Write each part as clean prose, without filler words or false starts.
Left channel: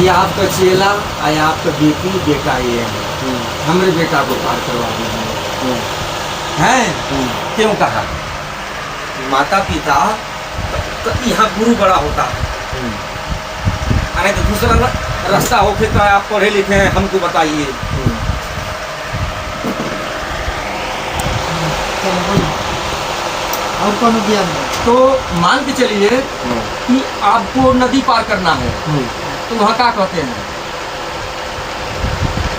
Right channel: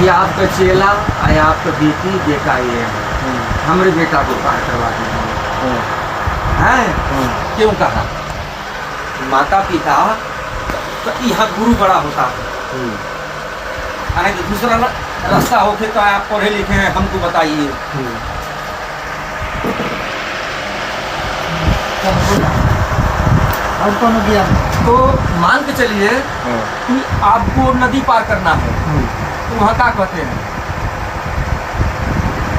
ये आपका चेला या आपका बेटी बेटा ये है, हमारे बेटा को पार करवा देंगे हैं। क्यों कहा? माता पिता तो यहाँ गुरु बड़ा होता है। अरे तो दूसरा रास्ता हो फिर तो आप पढ़े लिखे हैं, हमको बताइए। और कौन ज्ञान? तो मान के चलिए कि आपको नदी पार करना है, तो वहाँ क्या कहते हैं?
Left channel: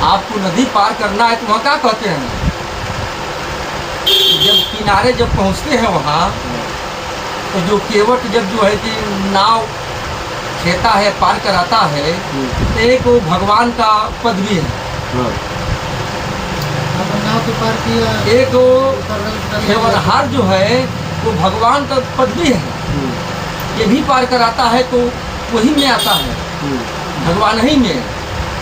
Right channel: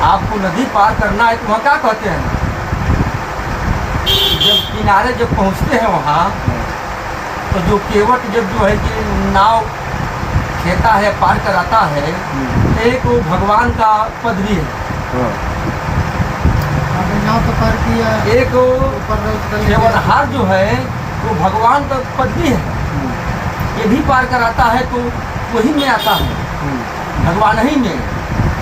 आपको नदी पार करना है तो वहाँ क्या कहते हैं? जब किनारे जब पहुँचते हैं वहाँ, तो जो केवट जब जो है कि नाव खेता है, पार कराता है, एक वो भगवान का पद भी है। नाव तो पार किया, एक वो केवटहार जो है वो भगवान का पद भी है, ये भी पार कराता है, तो वही में आता है, भगवान ही में।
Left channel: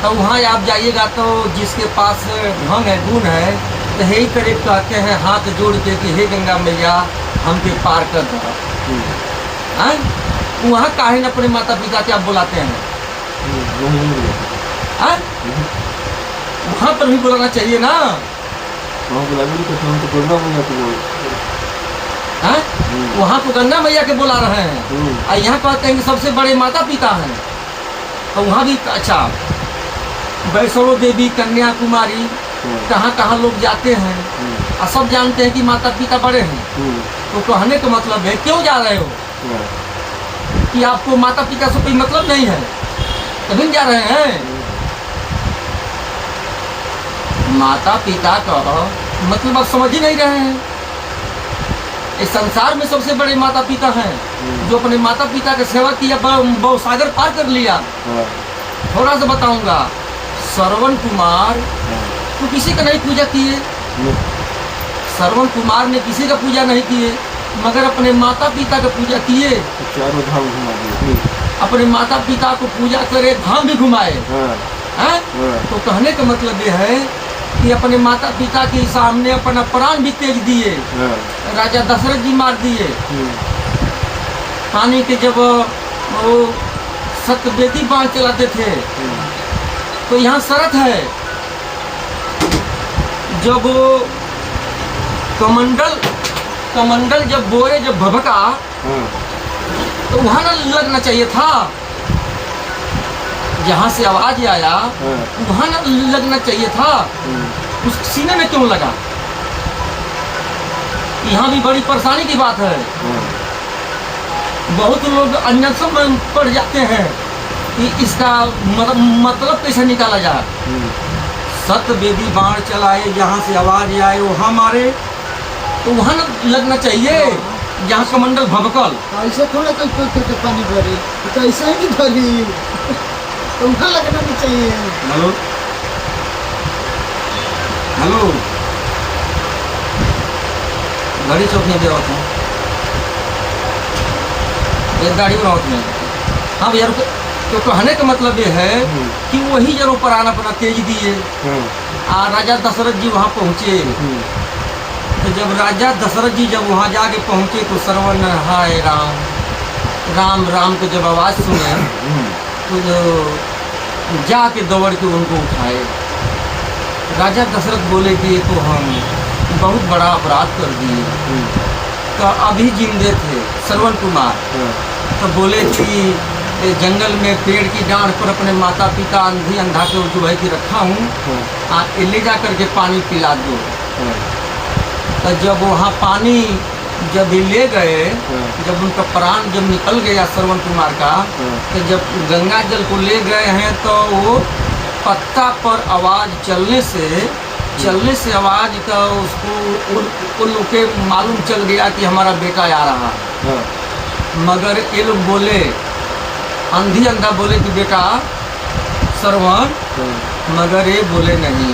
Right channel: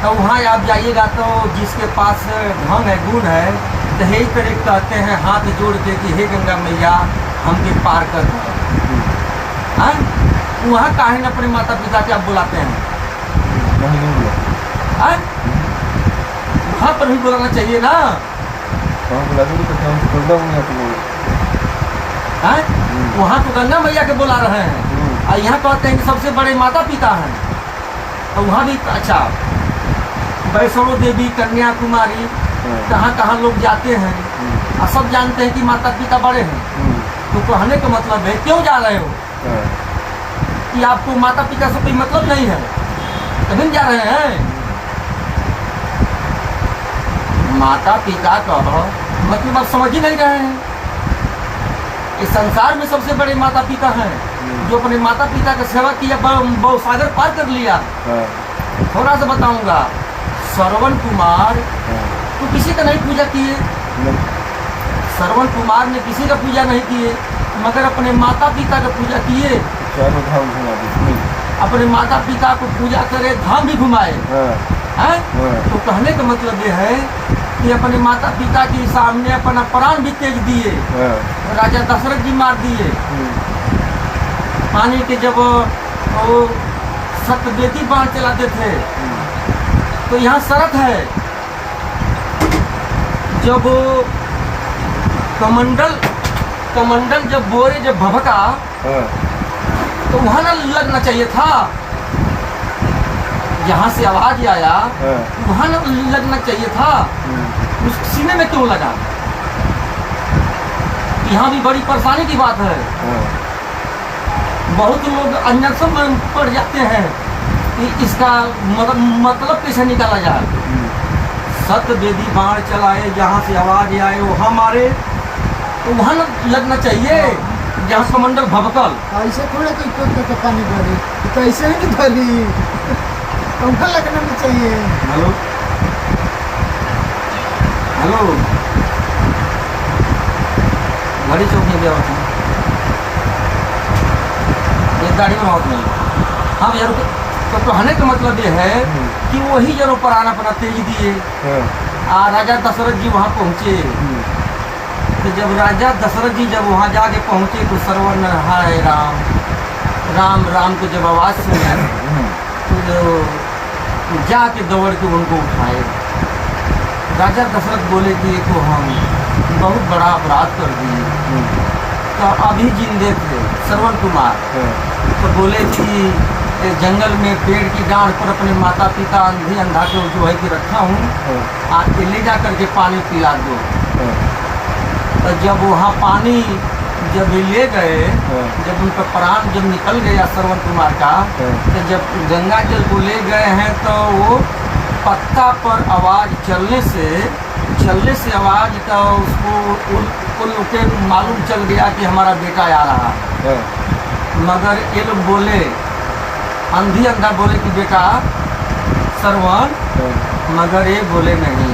तो वहाँ आप जाइएगा तो जिसके पास धन है, गुण है, तो यही तरह कहते हैं हाथ जोड़ के कि हे गंगा मैया हमके पार कर दो। हाँ, वहाँ काहे न अपने माता पिता के आप बुलाते हैं? हाँ? वहाँ पर भी बुलाना चाहिए ना। हाँ? वहाँ तो गंगा मैया के बुला रहे हैं और यहाँ कहते हैं कि सबसे बड़े माता पिता हैं। तो वहाँ भी अच्छा, वैष्णो देवी, कन्याकुमारी, कहाँ कहाँ लोग जाते हैं और सब जानते हैं कि माता पिता बड़े हैं। तो कहने का मतलब है क्यों जा रहे हो? कि आपको माता पिता से कोई मतलब नहीं है, तभी जा रहे हैं। माता पिता का मतलब आप समझ ही नहीं रहे हैं। इस संसार में सबसे बड़े माता पिता हैं, जो अपने माता पिता की सेवा किया, बहुसागर पार कर लिया। थोड़ा सा बताऊंगा, श्रवण कुमार तो किसी का नहीं पूजा किए, श्रवण कुमार ने किसी का पूजा नहीं किए, मगर अपने माता पिता का पूजा किए। चारों धाम घुमा दिए, अपने माता पिता को पूजा करे, धाम भी घुमाए। हैं? तो कहने का मतलब ये है कि अपने माता पिता के सामने अपना प्राण भी त्याग दिए। राजा दशरथ जी मार दिए। पानी के जब वो सतवेदी बाण चलाते थे, तो यहाँ शरत है, जब कमंडल जब बोरे जब भभका, तो वहाँ ना लगना चाहिए था। जहाँ से आवाज आया वहाँ ना लगना चाहिए था, उस सीने में क्यों लगा? यहाँ भी बड़ी परेशानी की बात है। बहुत लोग अन्यसम में पड़ जाते हैं कि इसका मतलब कैसे निकाला जाए। सतवेदी बाण चलाए, जहाँ से आवाज आए वहाँ मारे, तो वहाँ ना लगना चाहिए जहाँ कमंडल भभकल। ऐसे थोड़ा कोई पानी भरी, तो ऐसे ही नहीं भरी, तो वहाँ लगना नहीं चाहिए। हेलो हेलो, घड़ी चौक में गया होता, ये दाढ़ी में होती है। हाँ भैया, तो कहने का मतलब ये है कि वही जब प्राण अपना तेज दिए, राजा दशरथ जी वहाँ पहुँचे। तो जब राजा दशरथ जी जब वहाँ जाके पहुँचे, तो श्रवण हाय राम राम राम को जब आवाज़ सुने, तो जाके दौड़ के उनको उठाए। राजा दशरथ बोले कि ये तो हम बहुत बड़ा अपराध कर दिए। तो अभी जिंदे थे श्रवण कुमार, तो बोले कि जंगल में पेड़ की डांड पर अपने माता पिता अंधी अंधा को जो है कि रखा हूँ, ले जा करके पानी पिला दो। तो जब वहाँ पानी जब ले गए, जब उनका प्राण जब निकल गया श्रवण कुमार का, तो जब गंगा जल को ले गए हैं, तो वो पत्ता पर आवाज़ चलने से आवाज़ का उसको उन लोग के मालूम चल गया कि हमारा बेटा आ रहा है। मगर ये लोग बोले, अंधी अंधा बोले कि बेटा श्रवण, मगर ये बोले नहीं।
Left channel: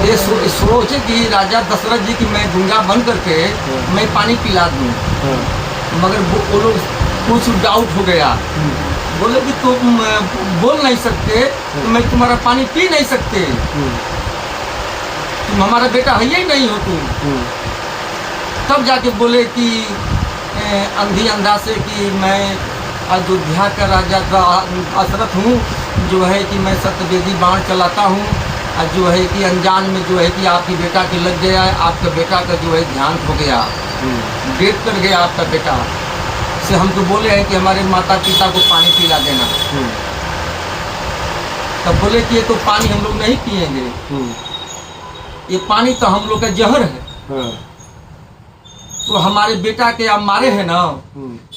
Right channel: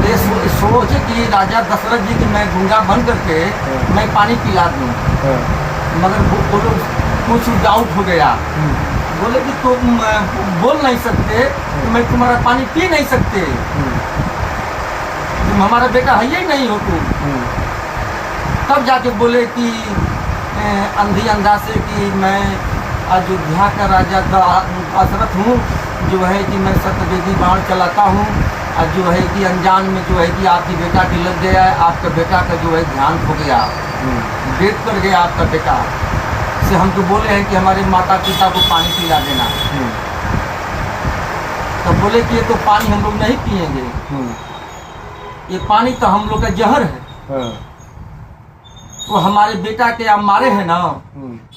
ये सोचे कि राजा दशरथ जी की मैं गंगा बन करके मैं पानी पिला दूँ, मगर वो लोग कुछ डाउट हो गया। बोले कि तुम बोल नहीं सकते, तो मैं तुम्हारा पानी पी नहीं सकते, तुम हमारा बेटा है ही नहीं हो तुम। तब जाके बोले कि अंधी अंधा से कि मैं अयोध्या का राजा दशरथ हूँ, जो है कि मैं सत्यवेदी बाण चलाता हूँ, और जो है कि अनजान में जो है कि आपकी बेटा की लग गया है, आपका बेटा का जो है ध्यान खो गया, डेट कर गया आपका बेटा से हमको बोले हैं कि हमारे माता पिता को पानी पिला देना। तब बोले कि ये तो पानी हम लोग नहीं पिएंगे, ये पानी तो हम लोग का जहर है। तो हमारे बेटा के आप मारे हैं ना,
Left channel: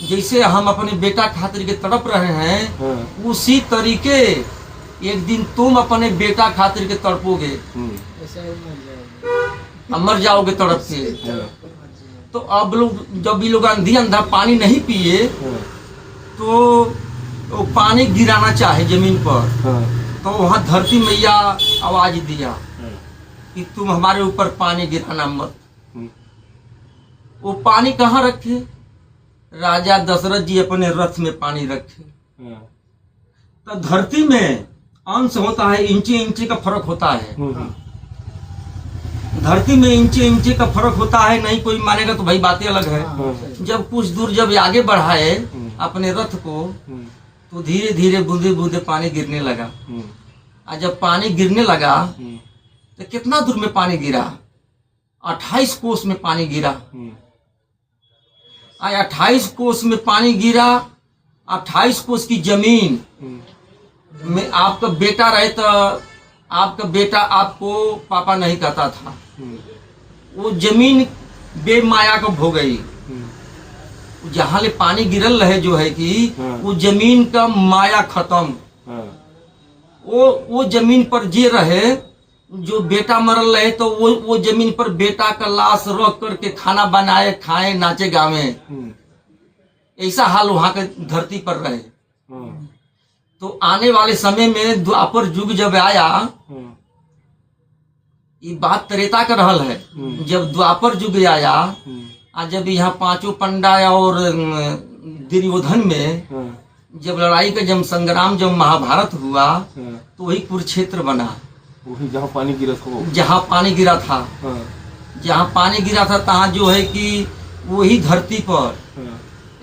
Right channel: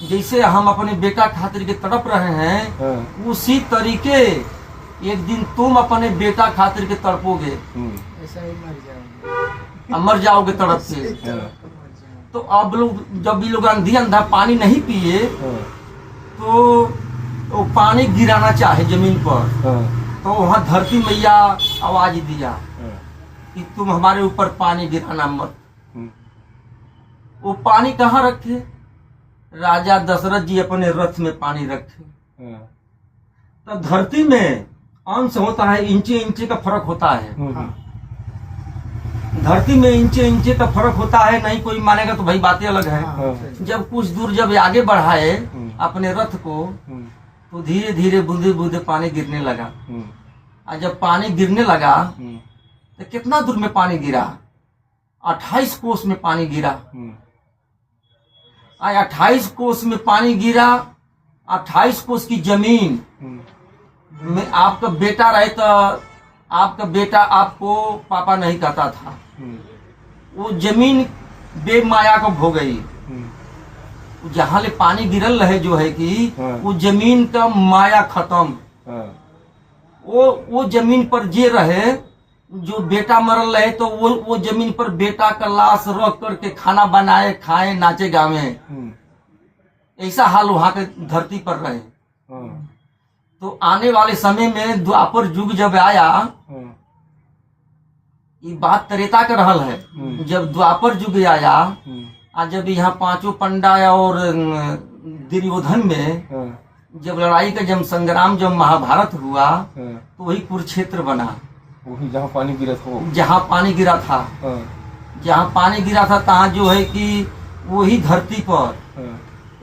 जैसे हम अपने बेटा खातिर के तड़प रहे हैं, उसी तरीके एक दिन तुम अपने बेटा खातिर के तड़पोगे, ऐसा ही मर जाओगे। मर जाओगे तड़प से। तो अब लोग जब ये लोग अंधा पानी नहीं पिए, तो वो पानी गिराना चाहे जमीन पर, तो वहाँ धरती मैया आवाज दिया कि तुम हमारे ऊपर पानी गिराना मत। वो पानी कहाँ रखे? राजा दशरथ जी अपने रथ में पानी रखे। तो धरती में अंश होता है, इंचे इंचे का फर्क होता है। धरती में इंचे इंचे का फर्क होता है, नहीं कोई मानेगा तो भाई बातें अलग है। जब कुछ दूर जब आगे बढ़ाए अपने रथ को, तो धीरे धीरे बूंदे बूंदे पानी गिरने लगा। और जब पानी गिरने लगा तो कितना दूर में पानी गिरा? 28 कोस में पानी गिरा। 28 कोस में पानी गिरा। 28 कोस की जमीन में आपका बेटा रहे तो आपका बेटा आपको पापा नहीं कहता था। वो जमीन बेमाया को भो गई। जहाँ ले पानी गिरल रहे जो है कि वो जमीन का माया खत्म। वो जमीन पर जे रहे, जो बेटा मरल रहे, तो वो जमीन पर बेटा का लाश रख करके खाना बनाए, खाए, नाचे गावे। ऐसा हाल वहां के धरती पर रहे। तो आने वाले समय में द्वापर युग जब आया, ये बात त्रेता का रहल है। जब द्वापर युग आया, जब यहाँ पांचों पंडा और दुर्योधन में जब लड़ाई का जब संग्राम जब महाभारत हुआ, तो वही कुरुक्षेत्र बना। वही जहाँ पानी गिरा था, जहाँ पानी गिरा था, जहाँ पानी गिरा था, तहाँ जो है कि वही धरती पर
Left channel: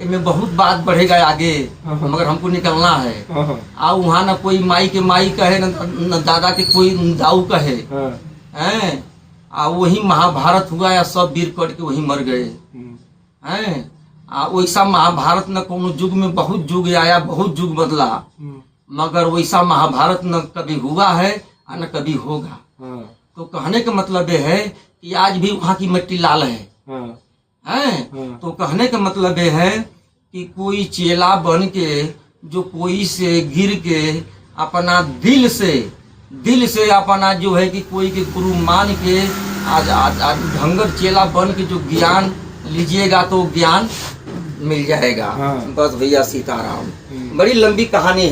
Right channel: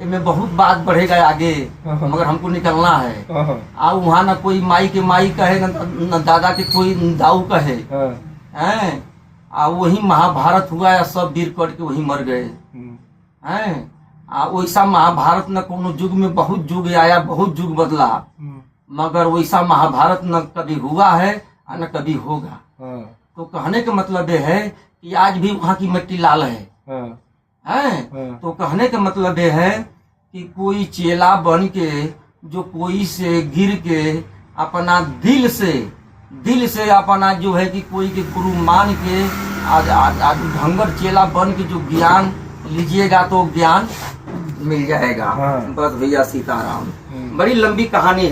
में बहुत बात बढ़ेगा आगे, मगर हमको निकलना है। आ वहाँ न कोई माई के माई कहे, न दादा के कोई दाऊ कहे, हैं? वही महाभारत हुआ या सब वीर कट के वही मर गए हैं। वैसा महाभारत न कोनो युग में बहुत युग आया, बहुत युग बदला, मगर वैसा महाभारत न कभी हुआ है और न कभी होगा। तो कहने का मतलब ये है कि आज भी वहाँ की मिट्टी लाल है। तो कहने का मतलब ये है कि कोई चेला बन के जो कोई से गिर के अपना दिल से अपना जो है कि कोई के गुरु मान के आज ढंगर चेला बन के जो ज्ञान लीजिएगा तो ज्ञान मिल जाएगा। बस भैया, सीताराम। बड़ी लंबी कहानी है।